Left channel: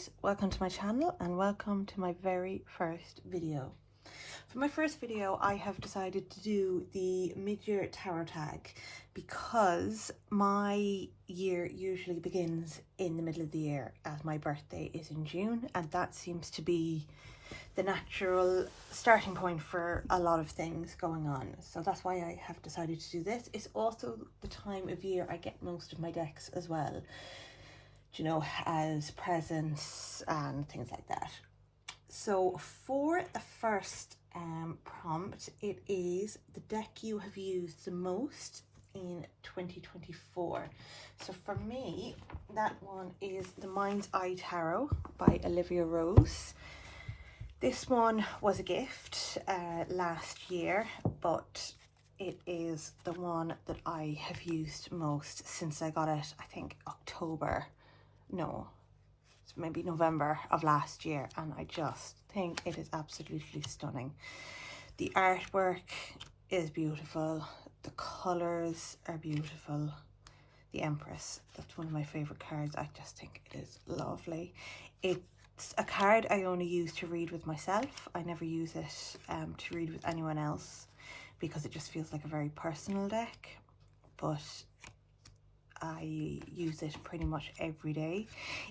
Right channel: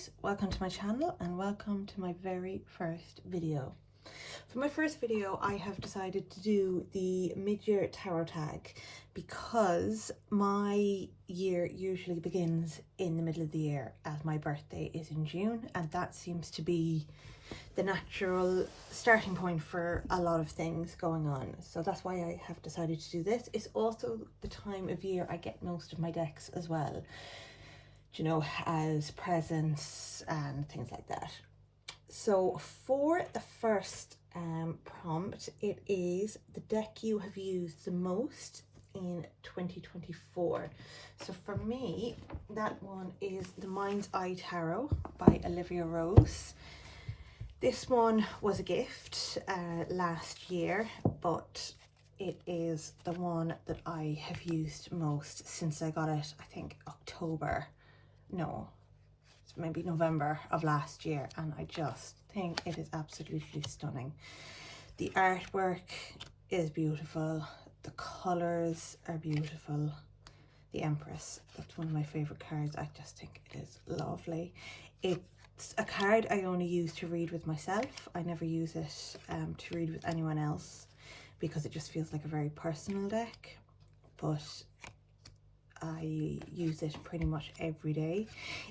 guys, welcome to my channel and welcome to my very first video. For my first video I have decided to do the mid-year tarot tag because my year usually begins in the middle of the year as my birthday is in June, and that seems to be the natural starting point for a lot of things going on. So that's why I have decided to do this. It's also the time of year I get most of my decks as well, you know, as presents and things like that. So for the first prompt, it is the deck you have used the most in 2024. So for me, that one is the Mind's Eye Tarot by Olivia Rose. This one was a gift last year, but it is the one that I have used most since I got it, I think maybe November of last year, and I just think it is absolutely stunning. The artwork is beautiful, the colours are beautiful. The Empress, that's one of my favourite cards. I just think it is lovely. It's a card I only use to read with myself. I never use it to read with anyone else because it just feels like a very personal deck, but I use it pretty much every day.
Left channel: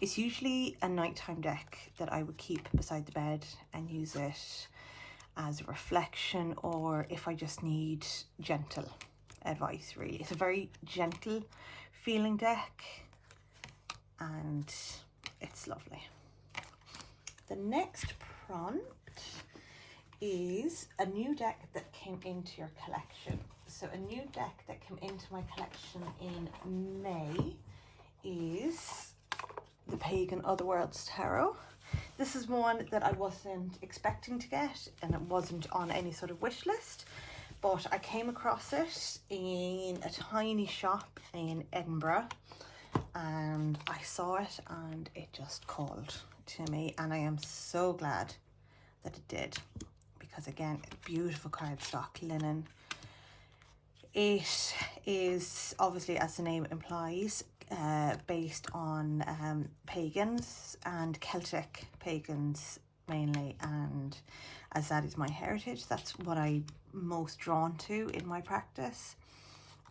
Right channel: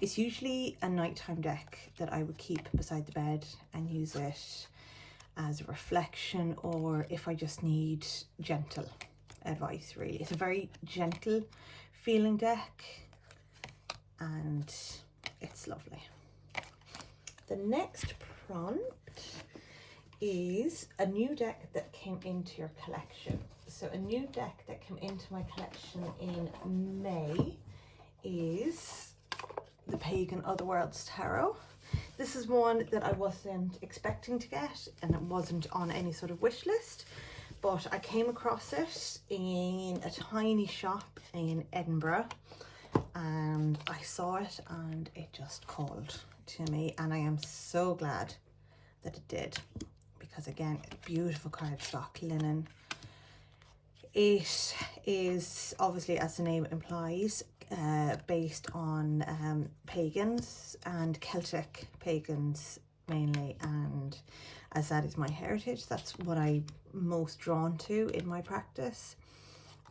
It's usually a nighttime deck that I would keep beside the bed and use it as a reflection, or if I just need gentle advice, really. It's a very gentle feeling deck and it's lovely. The next prompt is a new deck that came into your collection. So a new deck that came into my collection in May is the Pagan Otherworlds Tarot. This is one that I wasn't expecting to get, and it wasn't on any sort of wish list, but I came across it in a tiny shop in Edinburgh and I saw it and it just called to me, and I am so glad that it did, because again, beautiful cardstock, linen. It is obviously, as the name implies, based on pagans and Celtic pagans mainly, and as that is my heritage, that's what I'm most drawn to in my practice,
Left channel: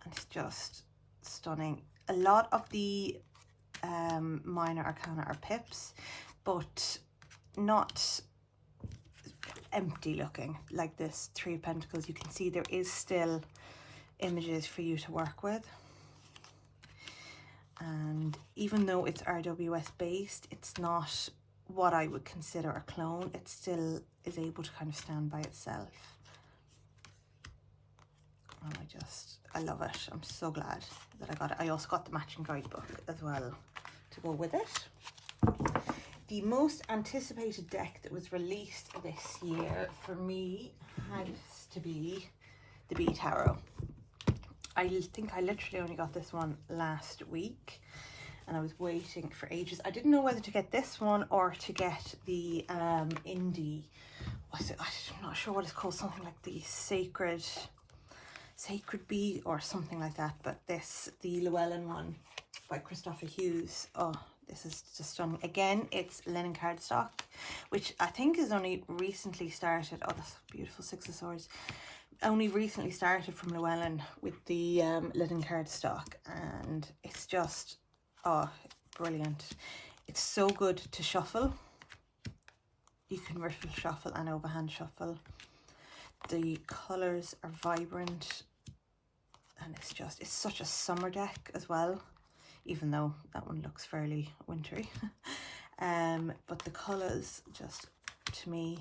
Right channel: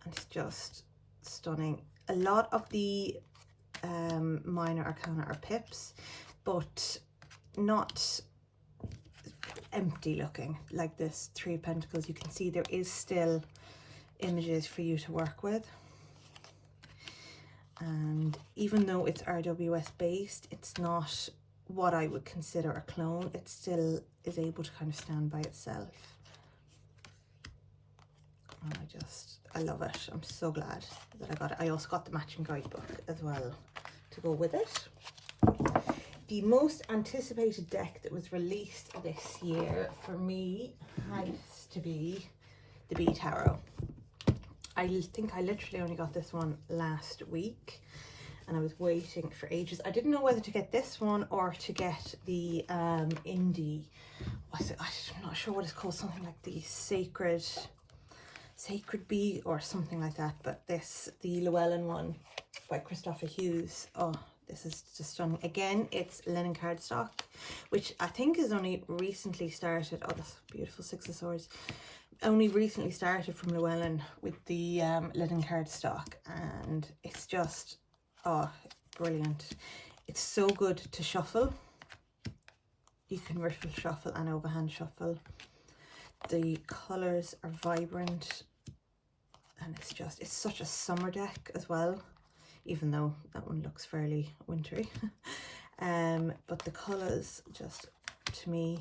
and it's just stunning. A lot of the minor arcana are pips, but not empty looking like this Three of Pentacles. You can see there is still images for you to work with, and even though it's RWS based, it's not what I would consider a clone. It still is able to kind of stand by itself, and I love it. I'm so glad that I got it. I also got the matching guidebook as well to go with it. The most anticipated deck that was released this year for me has to be the Bee Tarot. I think I literally only got this one last week and I was waiting for ages. I didn't know whether to get this one or to get the indie, what's it? I'm not sure what it's called, something like the Sacred Bee or something like that, but this, the Llewellyn one by Christopher Hughes. Oh, this is just stunning. Again, it's linen cardstock, which I think is only recently started. Oh, that's beautiful, Six of Swords. Only recently started from Llewellyn with the linen cardstock, and it's just, oh, brilliant. It's so good to shuffle. You can riffle shuffle and overhand shuffle. The colours are vibrant, and it's such a summer deck as well, even though that one looks fairly wintry. But the colours just, to me,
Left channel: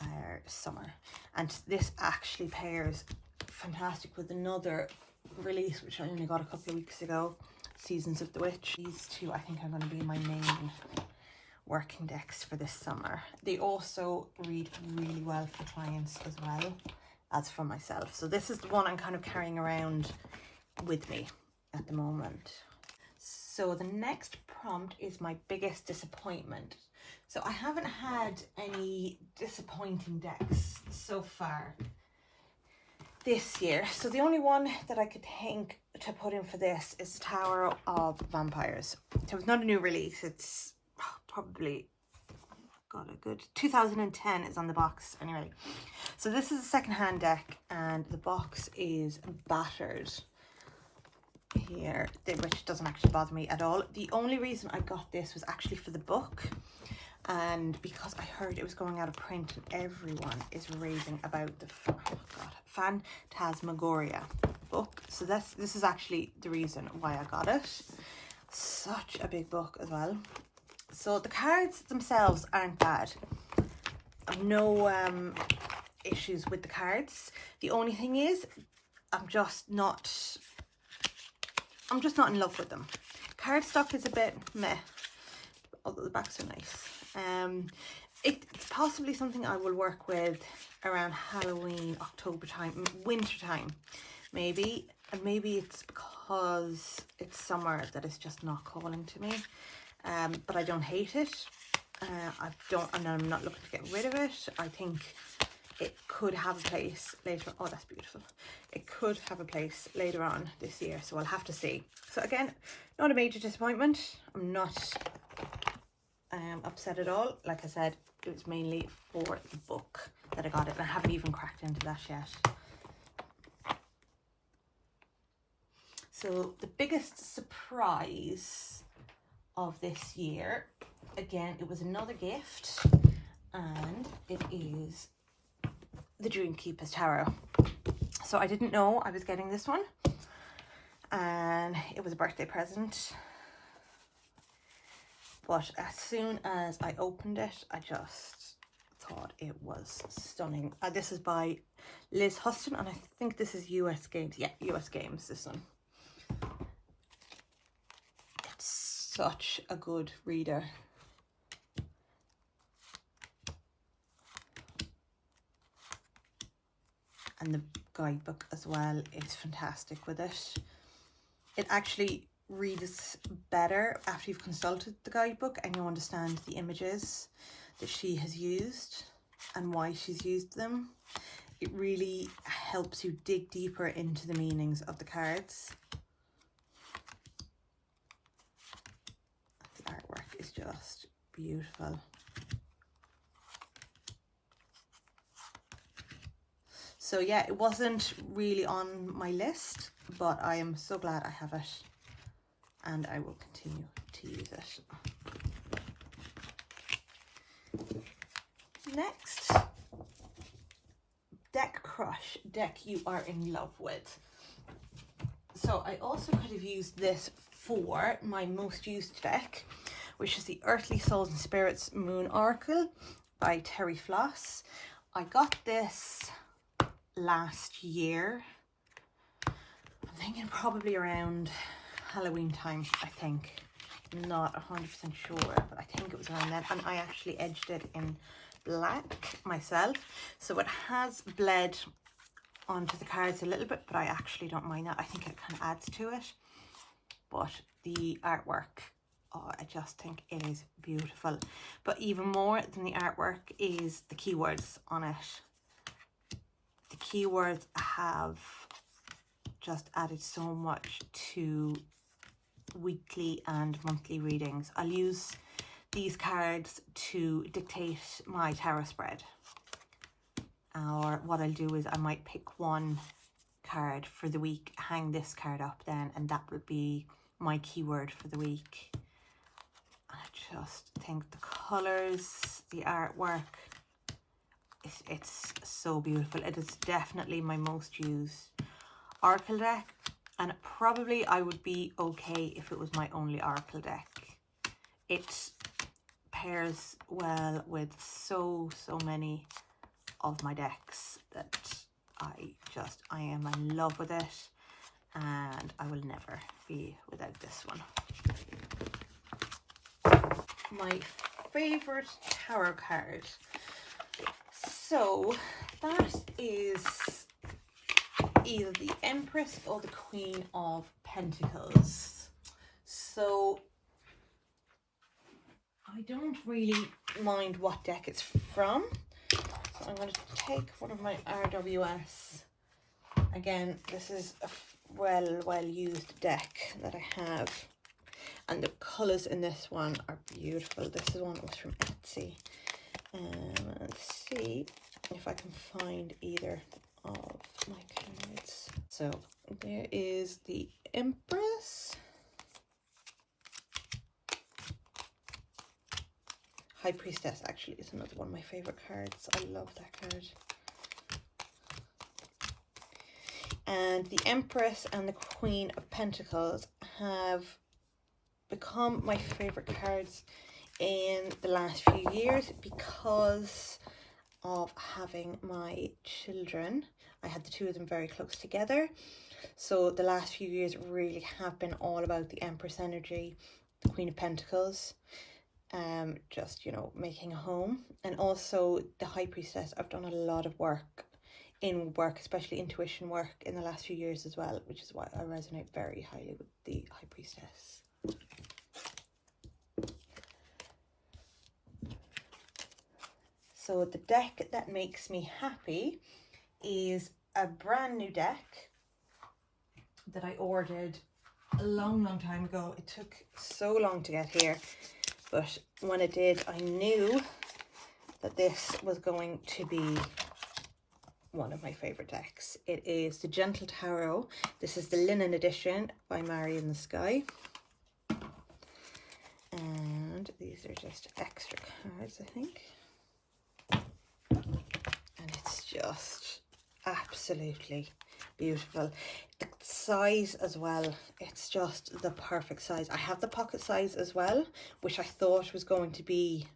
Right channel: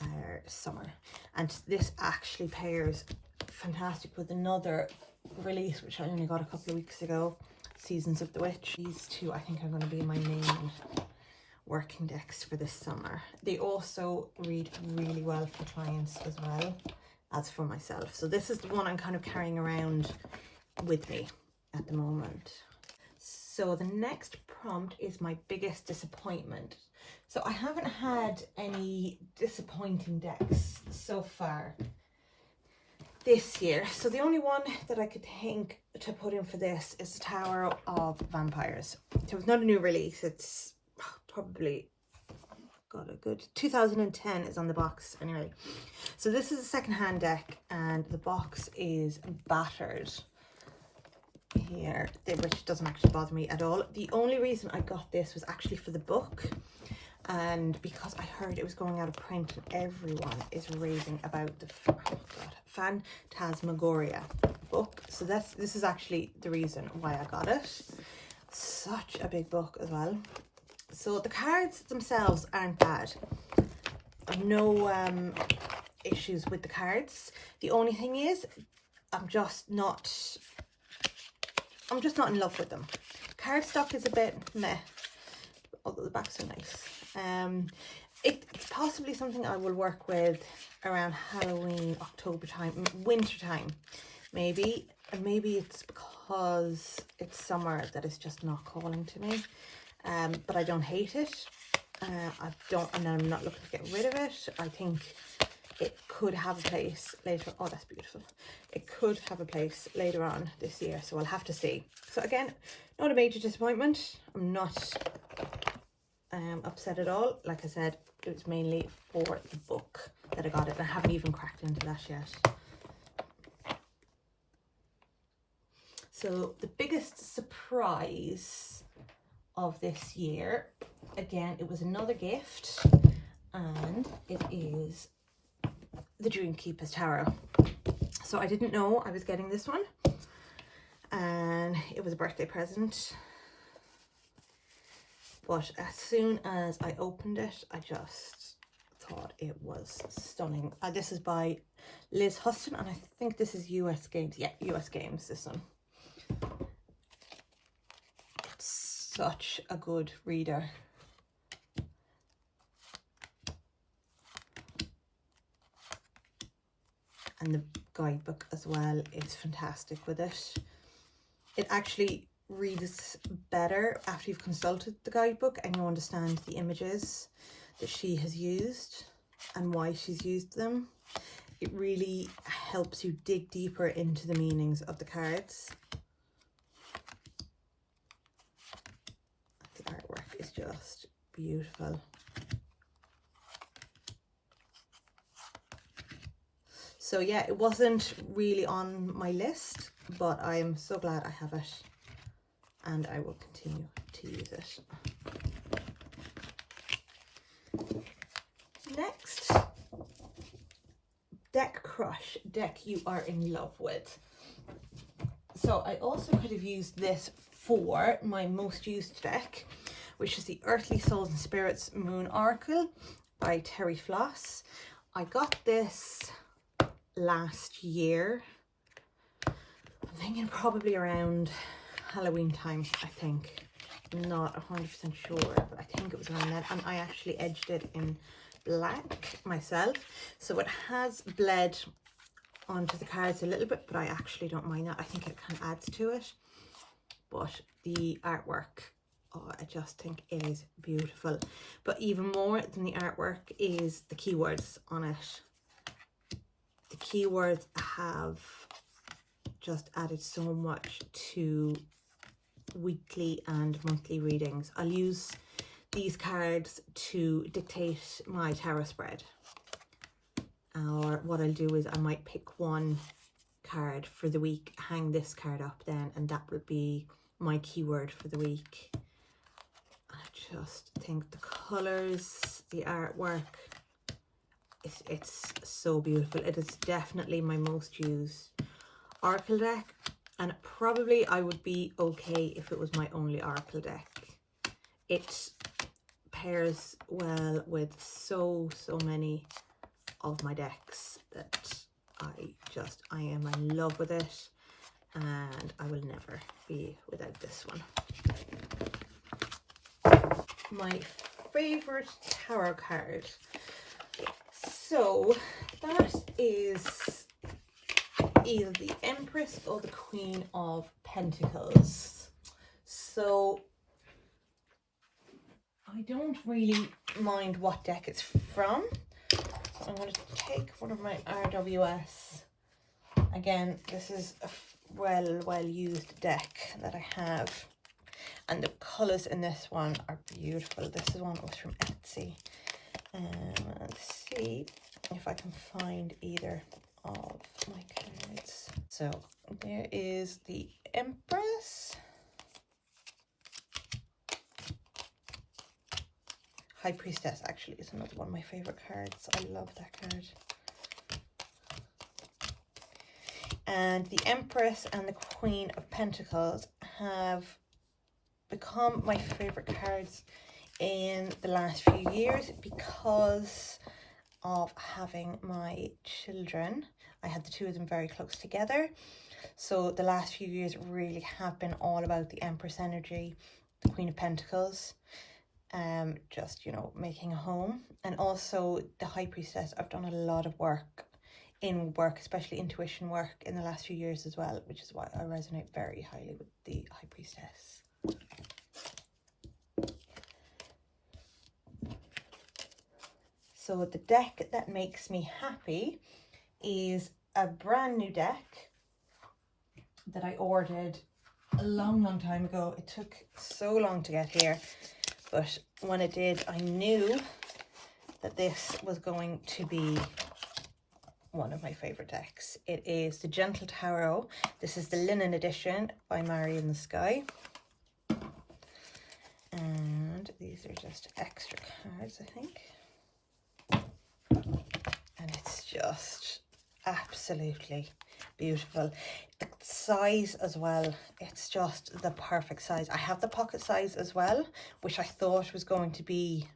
are summer, and this actually pairs fantastic with another release which I only got a couple of weeks ago, Seasons of the Witch. These two I think are going to be my main working decks for this summer. They also read really well for clients as well as for myself, so this is the one I'm kind of carrying around with me at the moment. So the next prompt is my biggest disappointment. So I haven't had any disappointing decks so far this year. So the only one that I could think to put in for this is the Tower of Vampires. So it's not a new release, it's probably got a good 2010 is on the box anyway. So this is a second-hand deck, and the box is battered here, which doesn't actually bother me at all. The only reason I got this was actually for the book, and because I heard it was going out of print and everyone is raving about the Phantasmagoria book. So this is actually the reason why I got it. Such a big book as well. So the cards themselves aren't bad. I've no issues with the cards. The only thing is I'm just not in love with them. Cardstock is a bit meh, although the backs are nice. It's possibly something I will work with around Halloween, October time, winter time, maybe. And maybe it's because it's summer that it's just not calling to me. But I don't hate it. I'm not looking to get rid of it. I think it could have a place later. Oh, that's beautiful. It could have a place later on this year, so I'll have to see. So again, not a major disappointment. I'm not upset at all. Like I said, it was mainly for the book that I got it. I haven't even cracked into that yet. So the biggest surprise of this year, again, it was another gift, and it is the Dreamkeeper's Tarot. So I didn't know I was getting this one, and it was a birthday present, but as soon as I opened it, I just thought it was stunning. This is by Liz Huston, and I think this is US Games. Yeah, US Games, this one. Such a good reader. And the guidebook as well is fantastic with it. It actually reads better after you've consulted the guidebook and you understand the images that she has used and why she's used them. It really helps you dig deeper into the meanings of the cards. The artwork is just beautiful. So yeah, it wasn't really on my list, but I'm so glad I have it, and I will continue to use it. Next, Deck Crush, deck you are in love with. So I also could have used this for my most used deck, which is the Earthly Souls and Spirits Moon Oracle by Terry Floss. I got this last year. I'm thinking probably around Halloween time, I think. I'm not 100% sure, but I think it was around then. And I actually edged it in black myself. So it has bled onto the cards a little bit, but I actually don't mind that. I think it kind of adds to it. But the artwork, oh, I just think it is beautiful. But even more than the artwork is the keywords on it. The keywords have just added so much to weekly and monthly readings. I'll use these cards to dictate my tarot spread. Or what I'll do is I might pick one card for the week, hang this card up then, and that would be my keyword for the week. I just think the colours, the artwork, it's so beautiful. It is definitely my most used oracle deck, and probably I would be okay if it was my only oracle deck. It pairs well with so many of my decks that I am in love with it, and I will never be without this one. My favorite tarot card. So that is either the Empress or the Queen of Pentacles. So I don't really mind what deck it's from. I'm going to take one of my RWS. Again, this is a well used deck that I have. And the colours in this one are beautiful. This is one that was from Etsy. Let's see if I can find either of my cards. So there is the Empress, High Priestess actually is another one of my favourite cards. I love that card. And the Empress and the Queen of Pentacles have become my favourite cards in the last few years because of having my children. I had the two of them very close together. So the last few years really have been all about the Empress energy, the Queen of Pentacles, just, you know, making a home. And also the High Priestess, I've done a lot of work in work, especially intuition work in the last few years as well, which is why I resonate very highly with the High Priestess. So the deck that makes me happy is a brand new deck that I ordered a long time ago. It took so long to get here, but when it did, I knew that this was going to be one of my favorite decks. It is the Gentle Tarot. This is the linen edition by Mary in the Sky. And these are just extra cards, I think. And it's just absolutely beautiful. The size as well, it's just the perfect size. I have the pocket size as well, which I thought was going to be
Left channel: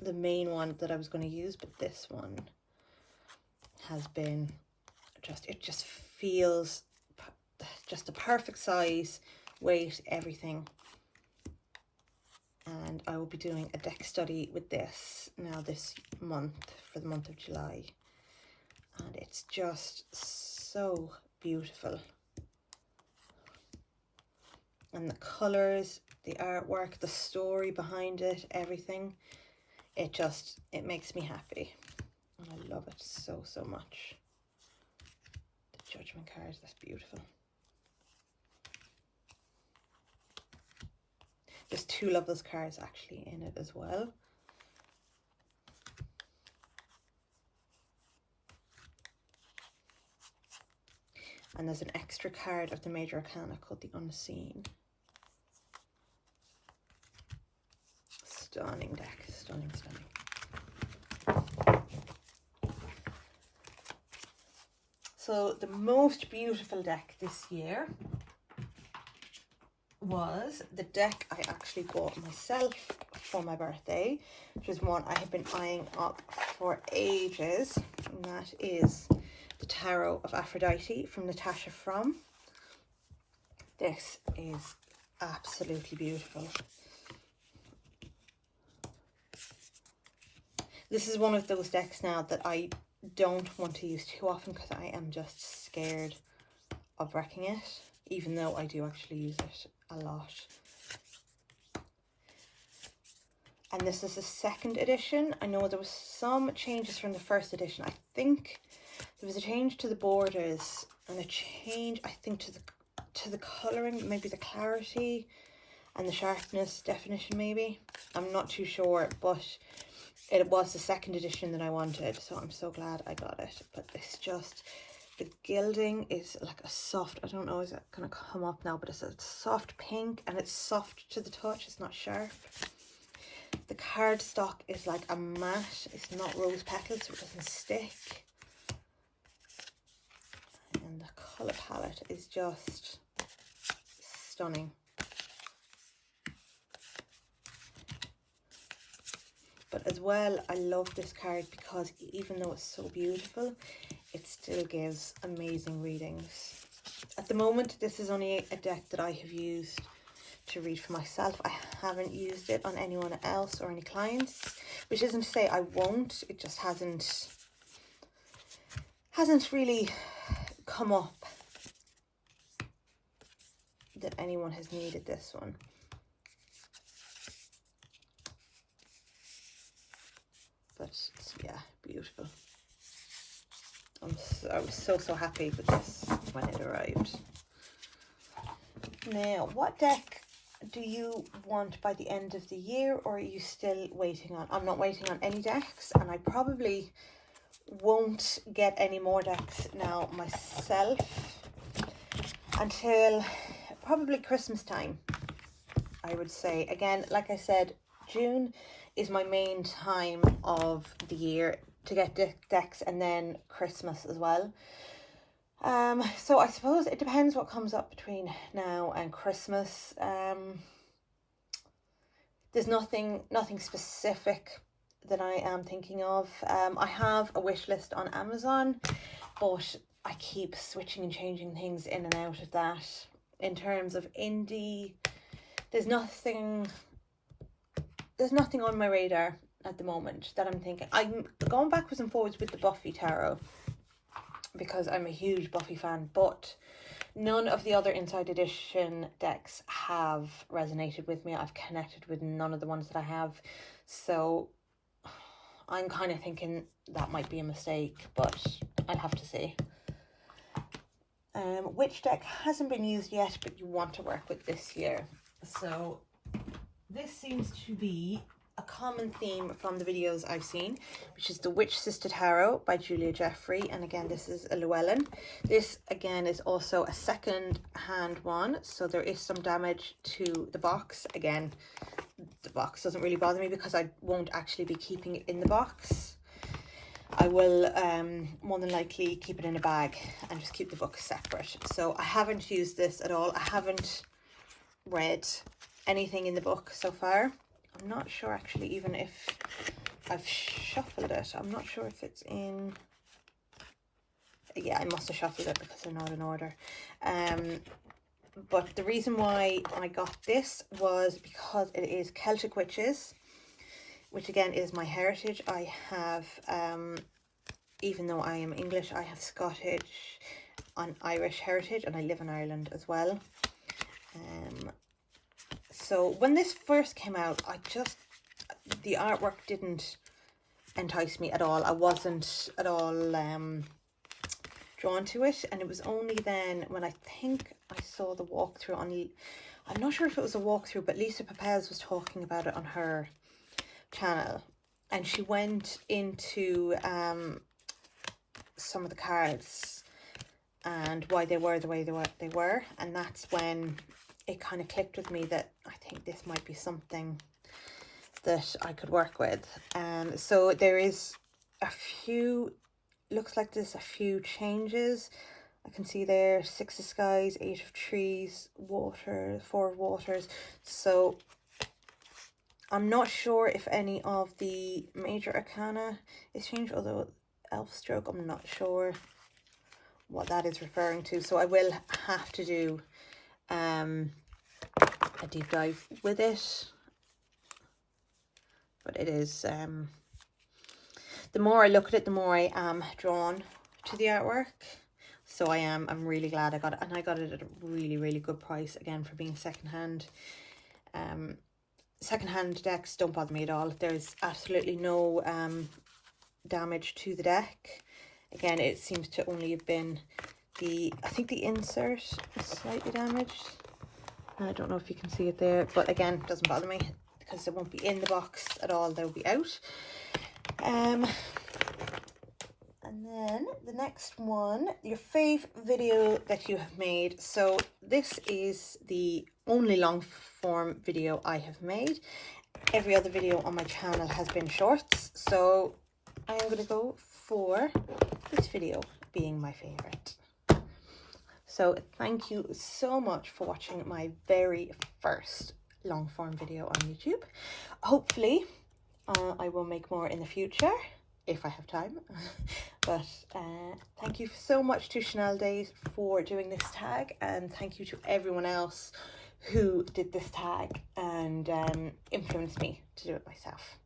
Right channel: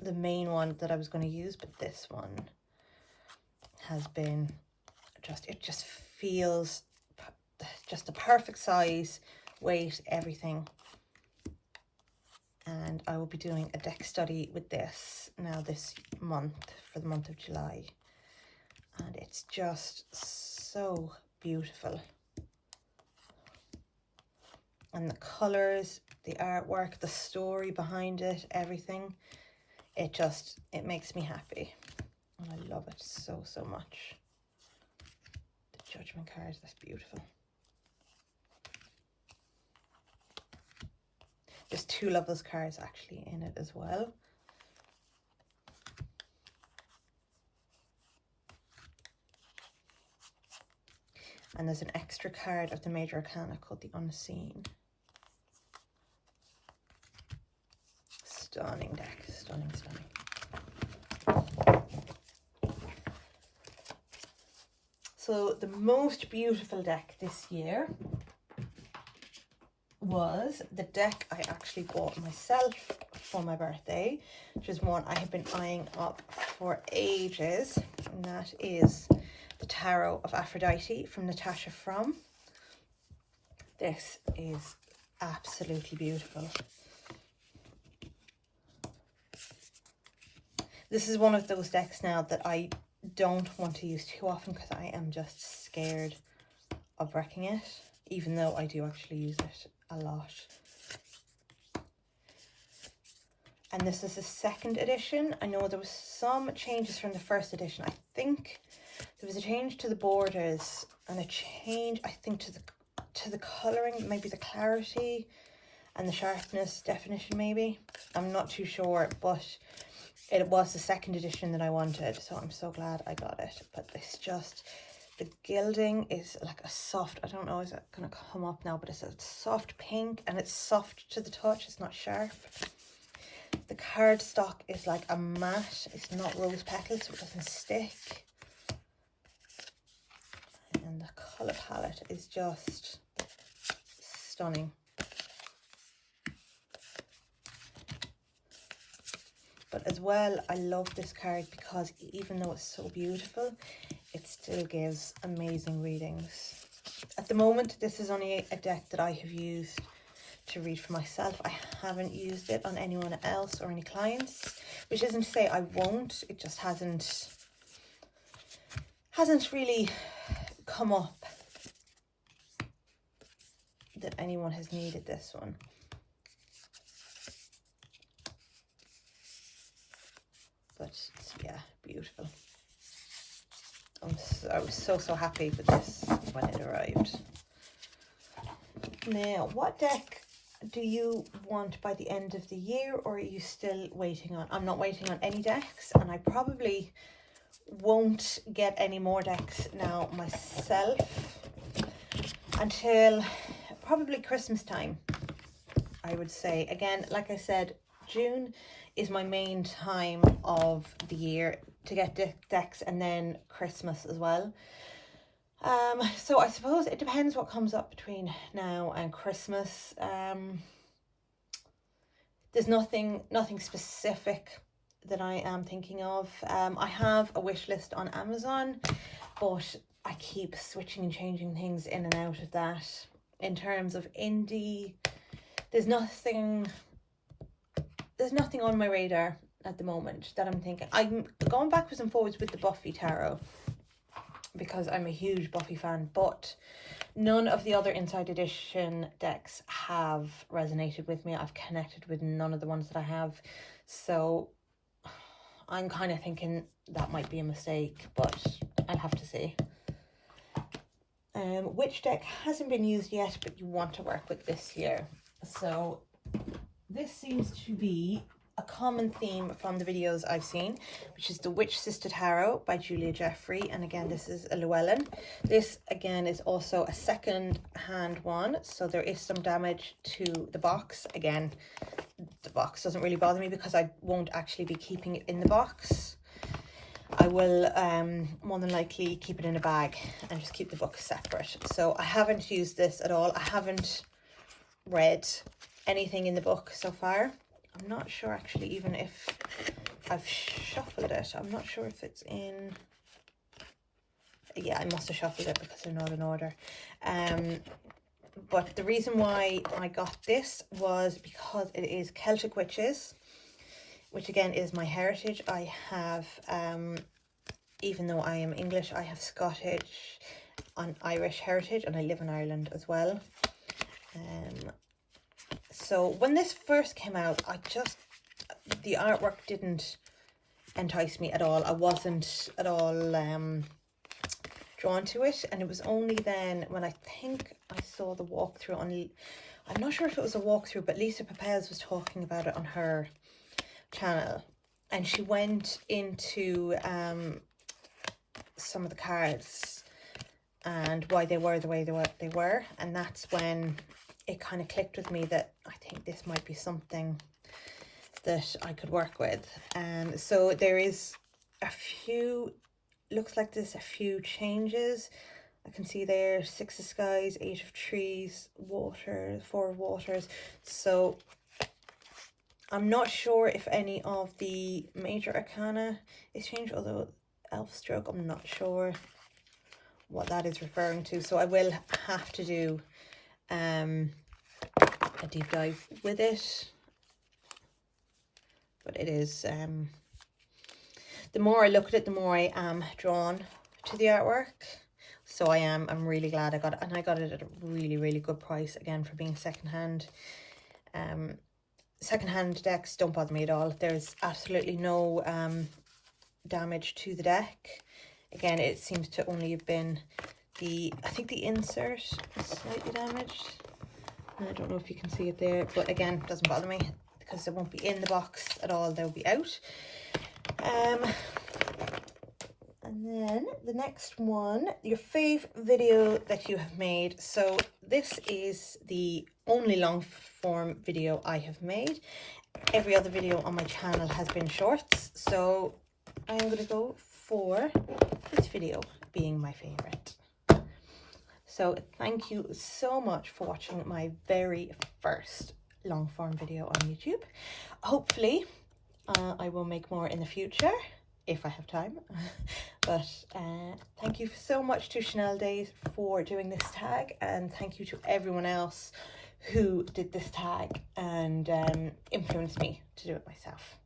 the main one that I was going to use, but this one has been just, it just feels just the perfect size, weight, everything. And I will be doing a deck study with this now this month, for the month of July. And it's just so beautiful. And the colours, the artwork, the story behind it, everything. It makes me happy. And I love it so much. The Judgment cards, that's beautiful. There's two Lovers cards actually in it as well. And there's an extra card of the Major Arcana called the Unseen. Stunning deck, stunning. So the most beautiful deck this year was the deck I actually bought myself for my birthday, which is one I have been eyeing up for ages, and that is the Tarot of Aphrodite from Natasha From. This is absolutely beautiful. This is one of those decks now that I don't want to use too often because I am just scared of wrecking it, even though I do actually use it a lot. And this is the second edition. I know there was some changes from the first edition. I think there was a change to the borders and a change, I think, to the colouring, maybe the clarity and the sharpness definition maybe. I'm not too sure, but it was the second edition that I wanted, so I'm so glad I got it. But it's just, the gilding is like a soft, I don't know, is it going to come up now, but it's a soft pink and it's soft to the touch, it's not sharp. The cardstock is like a matte, it's not rose petals, so it doesn't stick. And the colour palette is just stunning. But as well, I love this card because even though it's so beautiful, it still gives amazing readings. At the moment, this is only a deck that I have used to read for myself. I haven't used it on anyone else or any clients, which isn't to say I won't. It just hasn't really come up that anyone has needed this one. But yeah, beautiful. I was so happy with this when it arrived. Now, what deck do you want by the end of the year, or are you still waiting on? I'm not waiting on any decks, and I probably won't get any more decks now myself until probably Christmas time, I would say. Again, like I said, June is my main time of the year to get decks, and then Christmas as well. So I suppose it depends what comes up between now and Christmas. There's nothing specific that I am thinking of. I have a wish list on Amazon, but I keep switching and changing things in and out of that. In terms of indie, there's nothing on my radar at the moment that I'm thinking. I'm going backwards and forwards with the Buffy Tarot because I'm a huge Buffy fan, but none of the other Inside Edition decks have resonated with me. I've connected with none of the ones that I have, so I'm kind of thinking that might be a mistake, but I'll have to see. Which deck hasn't been used yet but you want to work with this year? So this seems to be a common theme from the videos I've seen, which is the Witch Sister Tarot by Julia Jeffrey. And again, this is a Llewellyn. This again is also a second hand one, so there is some damage to the box. Again, the box doesn't really bother me because I won't actually be keeping it in the box. I will more than likely keep it in a bag and just keep the book separate. So I haven't used this at all. I haven't read anything in the book so far. I'm not sure actually even if I've shuffled it. I'm not sure if it's in... Yeah, I must have shuffled it because they're not in order. But the reason why I got this was because it is Celtic Witches, which again is my heritage. I have, even though I am English, I have Scottish and Irish heritage, and I live in Ireland as well. So when this first came out, the artwork didn't entice me at all. I wasn't at all drawn to it, and it was only then when I think I saw the walkthrough on, I'm not sure if it was a walkthrough, but Lisa Pepez was talking about it on her channel, and she went into some of the cards and why they were the way they were, and that's when it kind of clicked with me that I think this might be something that I could work with. So there is a few, looks like there's a few changes. I can see there 6 of Skies, 8 of Trees, Water, 4 of Waters. So I'm not sure if any of the major arcana is changed, although Elf Stroke, I'm not sure what that is referring to. So I will have to do a deep dive with it. But it is, the more I look at it, the more I am drawn to the artwork. So I'm really glad I got it, and I got it at a really, really good price, again, for being secondhand. Secondhand decks don't bother me at all. There's absolutely no damage to the deck. Again, it seems to only have been I think the insert is slightly damaged. I don't know if you can see it there, but again, it doesn't bother me because it won't be in the box at all, they'll be out. And then the next one, your fave video that you have made. So this is the only long form video I have made. Every other video on my channel has been shorts, so I'm going to go for this video being my favorite. So thank you so much for watching my very first long form video on YouTube. Hopefully I will make more in the future if I have time. But thank you so much to Chanel Days for doing this tag, and thank you to everyone else who did this tag and influenced me to do it myself.